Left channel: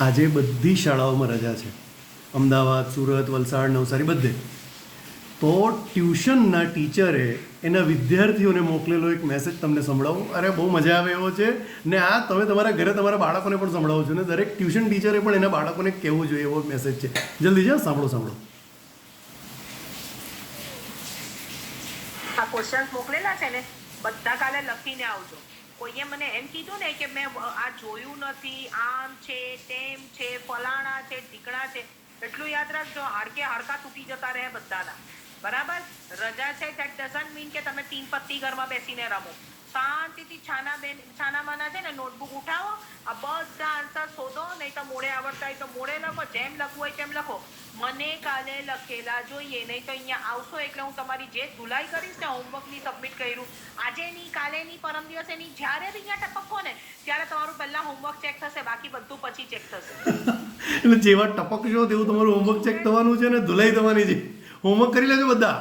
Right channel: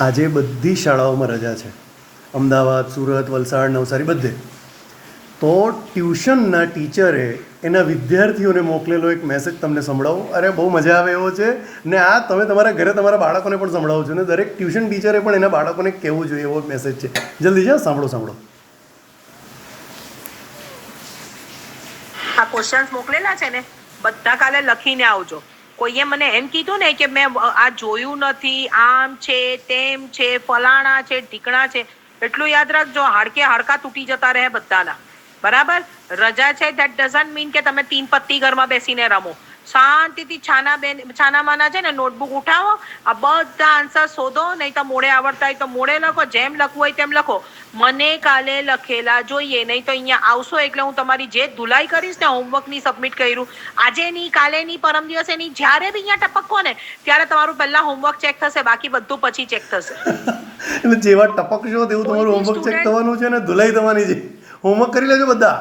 આજે બધી શાળાઓમાં રજા છે, અમદાવાદ, સુરત, વલસાડ, નવસારી બધે. તો ટ્યુશનના ટીચરે એના વિદ્યાર્થીઓને મોકલેલો એક મેસેજ તમને સંભળાવું. અરે બહુ મજા આવે એવો છે ને. આ તમે તમારા ઘરે તમારા બાળકોને પણ સંભળાવો છો ને દરેક ટ્યુશન ટીચરે પણ એના બાળકોને કહેવું જોઈએ એવો મેસેજ છે. જલ્દી જાઓ, સાંભળો. આ ક્વેશ્ચન્સ મોકલેલા છે ને બધા કાલે લખીને આવજો. કોઈએ મને એમ કીધું ને કે મેં આ જોયું નથી, આમ છે, તેમ છે, ફલાણા છે, ઢીકણા છે, એટલું યાદ રાખજો. હાડકા તૂટી જતા રહે બધાના. બરાબર? રજા છે ધેટ ડઝન્ટ મીન કે તમે 3 પત્તી ઘરમાં બેસીને રમો. શાંતિથી છાનામાના છે ને નોટબુક ઉઠાવો, આ બધા આન્સર શોધો. નહીં તો મોડે આવડતા હોય તો મોડે લખો, જેમ લખવું હોય તેમ લખો. મને કાલે લખેલા જોઈએ, નહીં તો અહીંયા આવશો એટલે હું તમારી જે ધુલાઈ કરીશ ને, હોમવર્કની સબમિટ કર્યું આજે ની, કાલે ની, પરમ દિવસે ની, જ્યારે બી અહીંયા ટપકો ને ત્યારે તમારું પહેલા હોમવર્ક ચેક થશે, બાકી બધું પછી ચેક થશે. એટલે જેવા ટપકશો તેવું તમારું હોમવર્ક ચેક થવાનું છે ને ધુલાઈ થવાની છે. હોમવર્ક કરી લેજો બધા.